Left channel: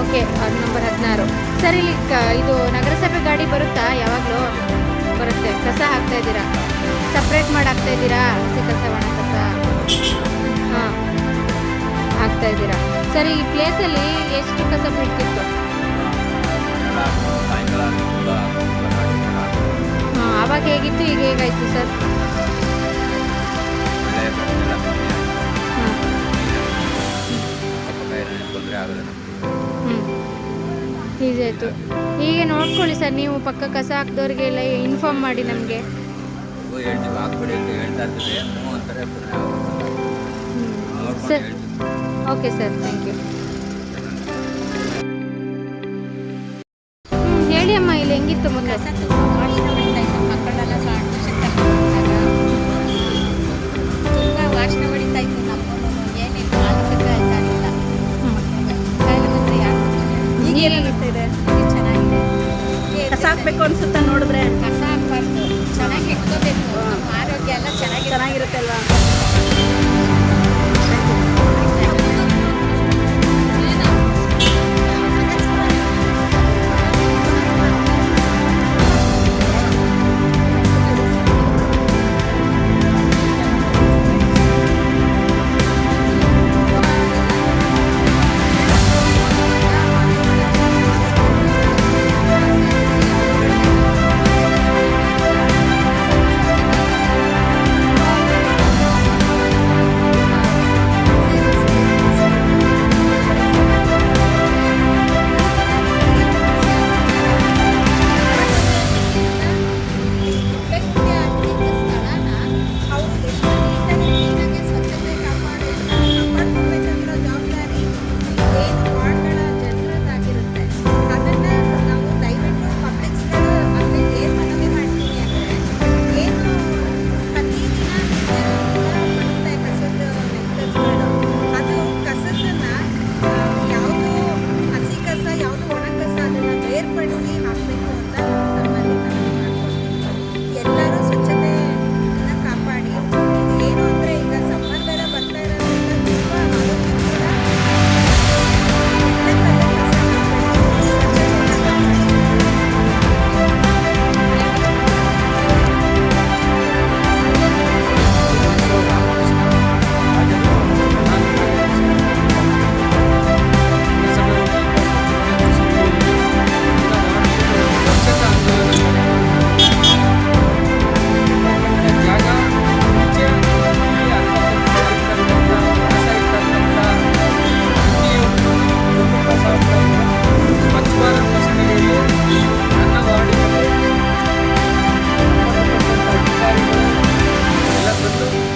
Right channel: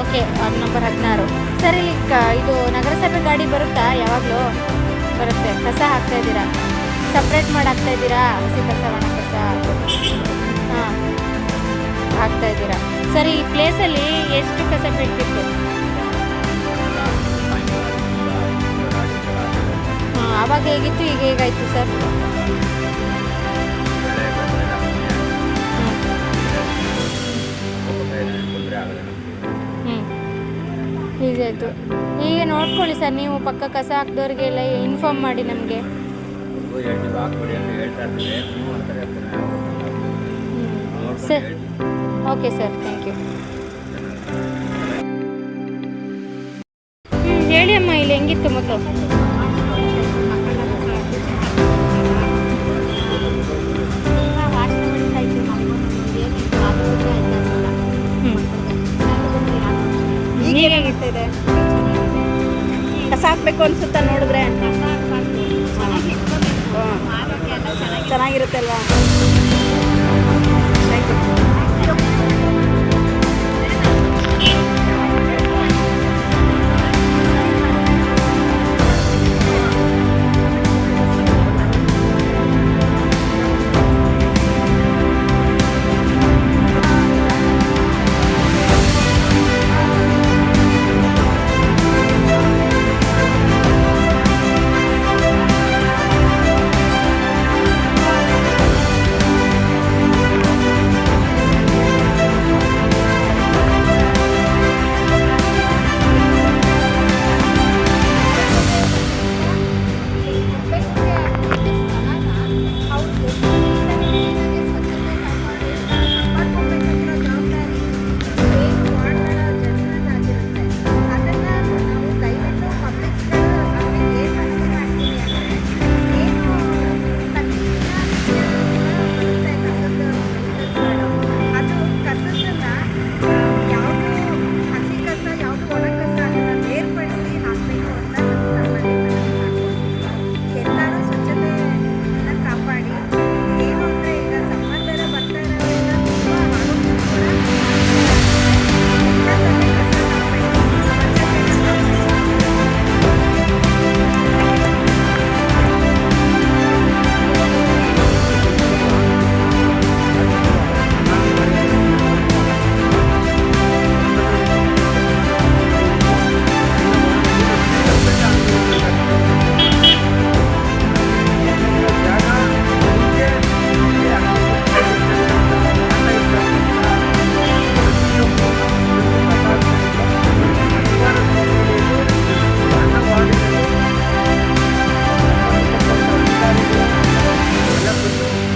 Okay, ward number 16. Sir, ಇಲ್ಲಿ ಇದು ನಗರಸಭೆ ಗಾಡಿ ಬರುತ್ತಾ? ಯಾವಾಗಲೂ ಬರುತ್ತೆ. ಕಸ ಹಾಕ್ತಾಯಿದ್ದೀರಾ? ಸಪ್ರೇಟ್ ಮಾಡಿ ಹಾಕ್ತಾಯಿದ್ದೀರಾ? ಹಸಿ ಕಸ, ಒಣ ಕಸ? ಹಾಂ, ಹಾಕ್ತಾಯಿದ್ದೀರಾ. ಸರ್, ಈ ಪ್ಲೇಸಲ್ಲಿ ಎಷ್ಟು ಕಸ ಬೀಳ್ತಿತ್ತು? ಆವಾಗ ಹೇಗಿತ್ತು, ಈಗ ಹೇಗಾಯಿತು ಸರ್? ಹೀಗಾಯಿತು. ಈಗ ನೋಡ್ಕೊಳ್ಳಿ ಸರ್, ನೀವು ಪಕ್ಕ ಕಸ ಹಾಕಿದವ್ರಿಗೆಲ್ಲ ಇನ್ಫಾರ್ಮ್ ಮಾಡಿ ನಮಗೆ. Sir, okay sir, thank you. ಹೇಳಿ ಅಮ್ಮ, ಇಲ್ಲಿ ಹೆಂಗಿತ್ತು ಮೊದಲು? ಇದೆ ಕಸ ಹಾಕ್ಬೇಕು ಅನ್ಸುತ್ತಾ ನೋಡಿದ್ರೆ? ಚೆನ್ನಾಗಿರುತ್ತೆ ಅಲ್ವಾ?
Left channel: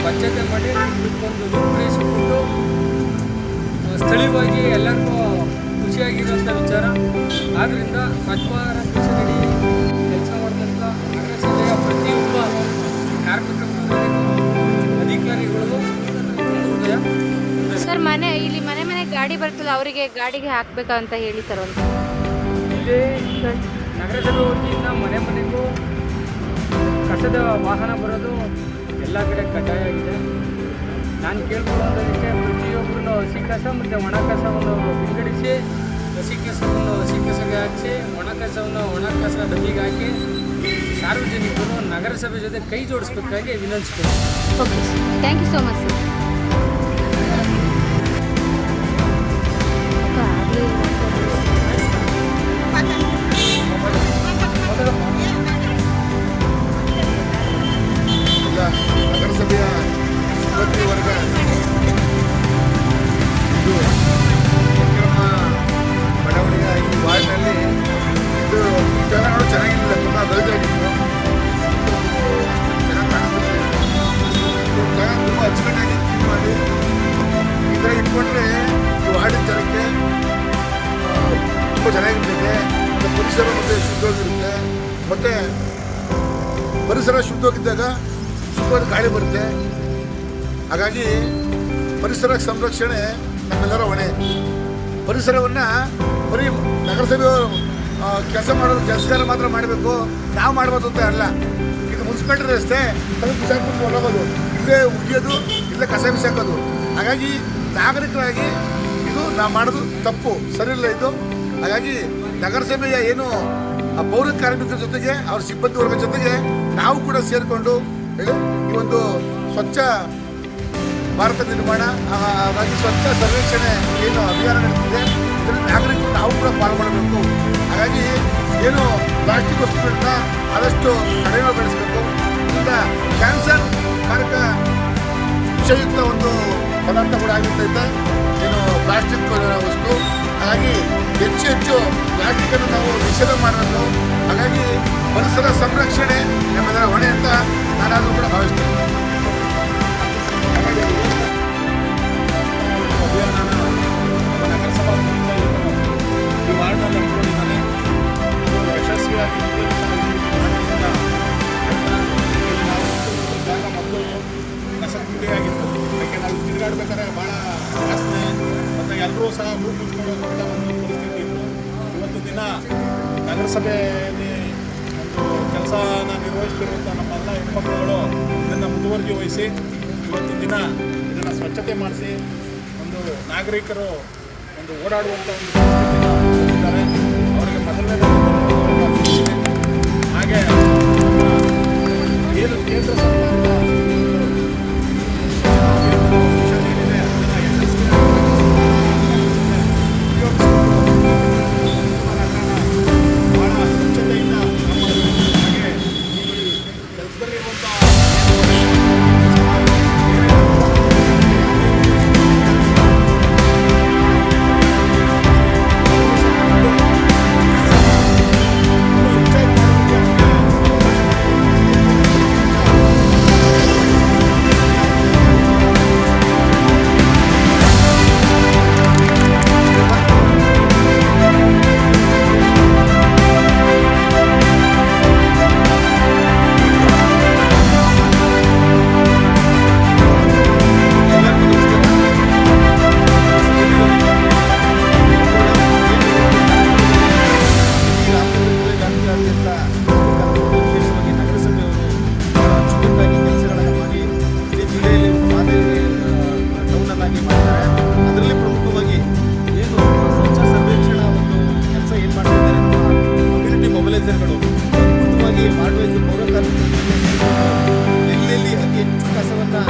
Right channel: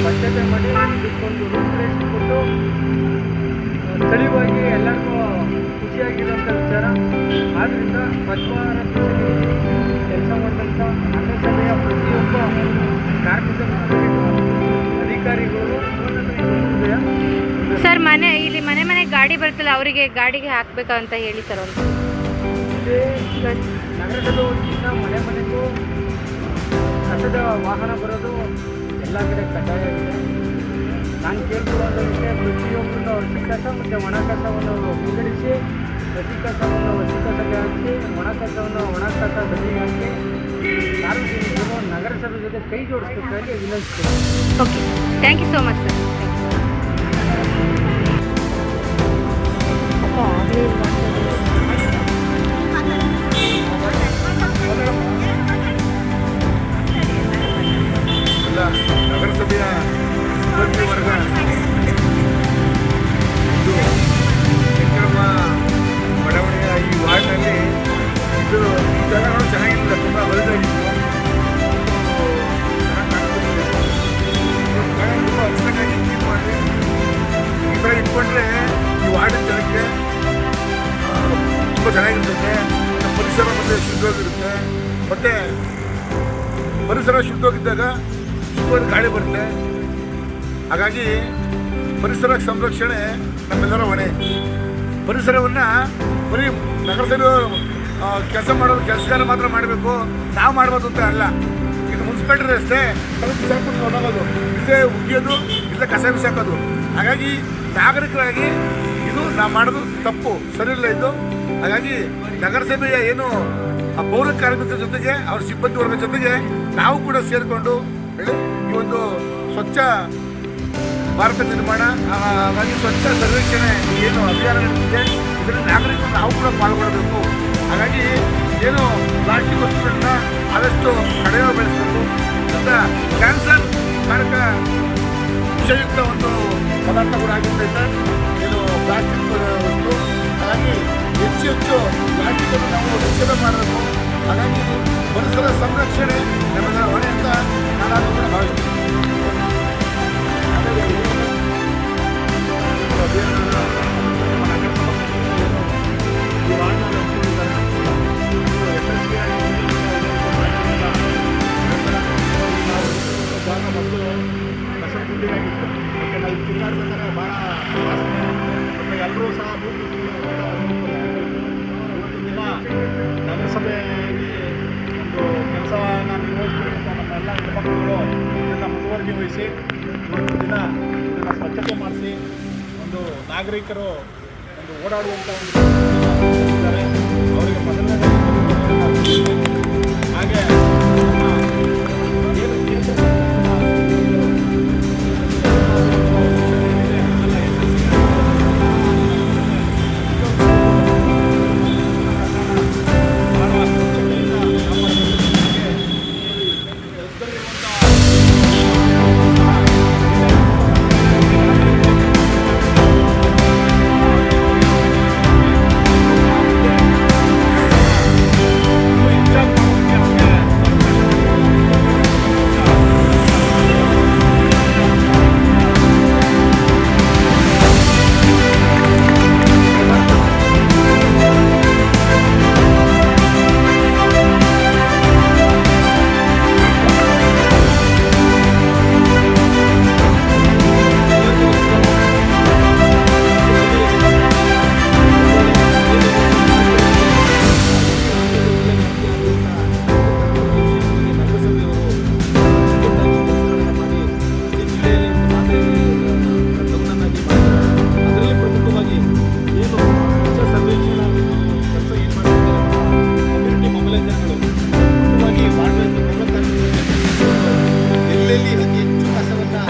ಸ್ವಚ್ಛತೆ ಮಾಡಿ ಇದಕ್ಕೊಂದು ರೂಪುರೇಷೆ ಕೊಟ್ಟು ಸ್ಥಳೀಯವಾಗಿ ಎಲ್ಲರಿಗೂ ಖುಷಿಯಾಗಿರೋಂಥ ವಿಚಾರ. ಆದ್ದರಿಂದ ಸ್ವಚ್ಛ ಭಾರತ್ ಮಿಷನಡಿ ಕೆಲಸ ಮಾಡಿದಂಥ ನಗರಸಭೆಯ ಪ್ರತಿಯೊಬ್ಬ ಕಾರ್ಮಿಕ ಅಧಿಕಾರಿಗಳಿಗೂ ಹೃದಯ. ಸರ್, ಇಲ್ಲಿ ಮನೆ ಗಾಡಿ ಬರ್ತಲ್ಲ, ಅವರಿಗೆ ಗಾಡಿಗೆ ಹಾಕಬೇಕಾ ಅಂತ ಹೇಳಿ ಸರ್. ಒಂದು ಇಲ್ಲಿ ನಗರಸಭೆ ವತಿಯಿಂದ ಮನೆಗೂ ಕಸದ ವಾಹನ ಬರೋದು ಎಲ್ಲ ಕಡೆ ಕಡ್ಡಾಯ ಆಗಿದೆ. ನಾನು ಕೇಳ್ಕೊಳ್ಳೋದಕ್ಕೆ ಪ್ರತಿಯೊಬ್ಬರೂ ಹಸಿ ಕಸ ಮತ್ತು ಒಣ ಕಸವನ್ನು ವಿಂಗಡಿಸಿ, ಹಸಿ ಕಸವನ್ನು ಹಸಿ ಕಸಗೆ ಹಾಕಿಸಿ, ಒಣ ಕಸವನ್ನು ಒಣ ಕಸ ಡಬ್ಬಿಗೆ ಹಾಕಿ ಸಾರ್ವಜನಿಕರು ನಗರಸಭೆ ಜೊತೆ ಕೈ ಜೋಡಿಸ್ಬೇಕಾಗಿ ವಿನಂತಿಸ್ತೀನಿ. Okay, thank you so much sir. ನಗರಸಭೆಯ ಸಿಬ್ಬಂದಿ ವರ್ಗ ಇದು ಕೆಂಚನಮ್ಮ ಬಡಾವಣೆಯ ಈ ವಾರ್ಡ್ನಲ್ಲಿ ಇದು ಈ ಜಾಗ ನೋಡಿ ಚೆನ್ನಾಗಿರಲಿಲ್ಲ, ತುಂಬ ಗಲೀಜಾಗಿತ್ತು, ಚೆನ್ನಾಗಿ ಕಾಣಿಸ್ತಿತ್ತು. ಜಾಗ ತುಂಬ ಅಚ್ಚುಕಟ್ಟಾಗಿ ಕ್ಲೀನ್ ಮಾಡಿ ಈ ಥರ ಇಟ್ಕೊಂಡ್ರೆ ಈ ವಾರ್ಡಿನ ಜನಕ್ಕೆ ತುಂಬ ಚೆನ್ನಾಗಿರ್ತೈತೆ, ಮತ್ತು ಪರಿಸರ ಮತ್ತು ಶುದ್ಧವಾಗಿರುತ್ತೆ, ಮತ್ತು ಪರಿಸರ ಶುದ್ಧವಾಗಿದ್ದಾಗ ಶುದ್ಧವಾದ ಗಾಳಿ ಬರುತ್ತೆ. ಹಾಗಾಗಿ ಪರಿಸರ ಸಂರಕ್ಷಣೆ ನಮ್ಮೆಲ್ಲರ ಹೊಣೆ. ಪರಿಸರವನ್ನು ಬರೀ ನಗರಸಭೆಯವರು ಕೆಲಸ ಮಾಡೋದು ಕೆಲಸಗಾರ ಮಾತ್ರ ಮಾಡಬೇಕು, ನಾವು ಮಾಡ್ಬೋದು ಅಂತ ಅಲ್ಲ. ಇದು ಮುನ್ಸಿಪಾಲ್ಟಿ ರಸ್ತೆ ಅದಕ್ಕೆ ಬಿಸಾಕ್ಬಿಟ್ಟು ಹೊರಗೋದು, ಇಲ್ಲೇ ಉಗಿಯೋದು, ಇಲ್ಲೇ ಕಸ ಬಿಸಾಕೋದು. ಹಾಗಾಗಿ ನಾಗರಿಕರಾಗಿ ಇದು ನಾವು ಮಾಡೋದು ತಪ್ಪು, ಸರಿಯಿಲ್ಲ ಇದು. ಹಾಗಾಗಿ ನಗರಸಭೆಯ ಏನು ಆ ಪೌರ ಕಾರ್ಮಿಕರ ಜೊತೆಗೆ ಅವ್ರ ಸಿಬ್ಬಂದಿ ವರ್ಗದ ಜೊತೆಗೆ ನಾವು ಕೂಡ ಸೇರಿಕೊಂಡು ಹೇಳಿ ಈ ಒಂದು ಸ್ವಚ್ಛ ಭಾರತ ನಿರ್ಮಾಣ, ಹಾಗಾಗಿ ಸ್ವಚ್ಛ ಸರ್ವೇಕ್ಷಣೆ ಏನು ಅಭಿಯಾನ ನಡೆದಿದೆ ಇದರಲ್ಲಿ ನಾಗರಿಕರು ನಾವು ಕೂಡ ಪಾಲ್ಗೊಳ್ಳಬೇಕು. ಹಾಗಾಗಿ ಏನು ಪ್ಲಾಸ್ಟಿಕ್ ವಸ್ತುಗಳನ್ನ ಆದಷ್ಟು ಕಡಿಮೆ ಬೆಳೆಸಬೇಕು. ಇದರಿಂದ ಕ್ಯಾನ್ಸರ್ ಕಾರಕ ವಿಷಯುಕ್ತ ಒಂದು ಪದಾರ್ಥ ಕೂಡ ಆಗಿರ್ತೈತೆ ಏನು ಪ್ಲಾಸ್ಟಿಕ್ ವಸ್ತು. ಹಾಗಾಗಿ ಹೆಚ್ಚು ಪ್ಲಾಸ್ಟಿಕ್ಕನ್ನು ನಾವು ನಿಷೇಧ ಮಾಡಬೇಕು. ಹಾಗಾಗಿ ಪರಿಸರ ಸಂರಕ್ಷಣೆ ನಮ್ಮೆಲ್ಲರ ಹೊಣೆ ಅಂತ ನಾನಾದರೂ ಕೂಡ ಭಾವಿಸ್ತೇನೆ. ಜಾಗ ಮೊದಲು ಕಸಗುಂಡಿಯಾಗಿತ್ತು. ಯಾಕೆ ನಾವು ತಿರುಗಾಡ್ಬೇಕಾದ್ರೆ ಭಾಳ ವಾಸನೆ ಮತ್ತು ಎಲ್ಲರೂ ಸಹ ಮೂಗು ಮುಚ್ಕೊಂಡು ಹೋಗುವಂಥ ಒಂದು ಪರಿಸ್ಥಿತಿ ಇತ್ತು. ಇವತ್ತಿನ ದಿನ ನಗರಸಭೆಯಲ್ಲಿ ಒಂದು ಕೆಲಸನ ನಿರ್ವಹಿಸ್ತಿರುವಂಥ ನಮ್ಮೆಲ್ಲ ಹೆಣ್ಮಕ್ಳುಗಳು ಇದನ್ನು ಮುತುವರ್ಜಿ ವಹಿಸಿ ಇವತ್ತಿನ ದಿನ ಇದನ್ನು ಸ್ವಚ್ಛತೆ ಮಾಡಿಸಿ ಒಂದು ನಾಗರಿಕರು ಒಂದು ಓಡಾಡುವಂಥ ಒಂದು ಪರಿಸ್ಥಿತಿನ ಹೊಂದಿದ್ದಾರೆ. ಅವರಿಗೆ ಮೊದಲನೇದಾಗಿ ಧನ್ಯವಾದಗಳನ್ನು ಅರ್ಪಿಸ್ತೀನಿ. ಹಾಗೆ ನಮ್ಮ ಏನು ಕೇಂದ್ರ ಸರ್ಕಾರದ ಭಾಳ ಸ್ವಚ್ಛತೆಯಿಂದ ಕಾಪಾಡಬೇಕು. ಹಾಗೆ ಈ ಕೆಲಸದಲ್ಲಿರುವಂಥ ಎಲ್ಲೆಲ್ಲಿ ಅತಿ ಹೆಚ್ಚು ಕಸವನ್ನು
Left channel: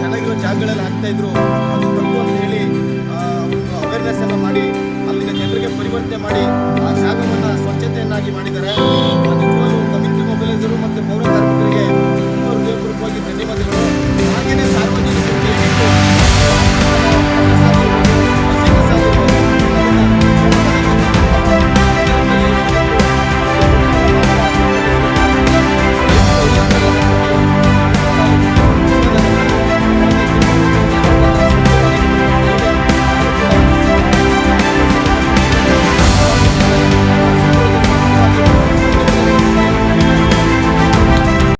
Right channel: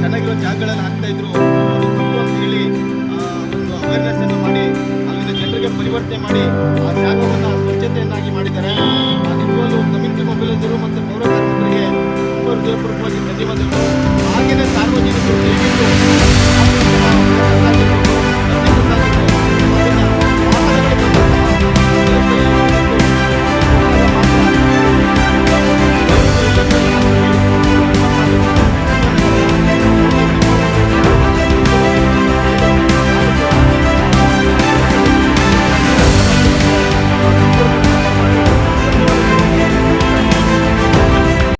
ಚೆನ್ನಾಗಿರೋ ಜಾಗಗಳಲ್ಲಿ ಹಾಕ್ತಾಯಿದ್ರು ಅದು ತಪ್ಪು ಅಂತ ಹೇಳಿ ಒಂದು ಅವೇರ್ನೆಸ್ಸನ್ನು ಮಾಡಿ ಅಲ್ಲಿನ ಜನರಿಗೆ ಪರಿವರ್ತನೆ ಮಾಡಿ ಆ ಜಾಗವನ್ನು ಸ್ವಚ್ಛತೆಯನ್ನಾಗಿ ಮಾಡಿದ್ದಾರೆ. ನಿಜವಾದ ಕಮ್ಯುನಿಟಿ ಮೊಬಿಲೈಸರು ಮತ್ತು ಪೌರ ಕಾರ್ಮಿಕರಿಗೆ ಹೃದಯಪೂರ್ವಕವಾಗಿ ಧನ್ಯವಾದಗಳು.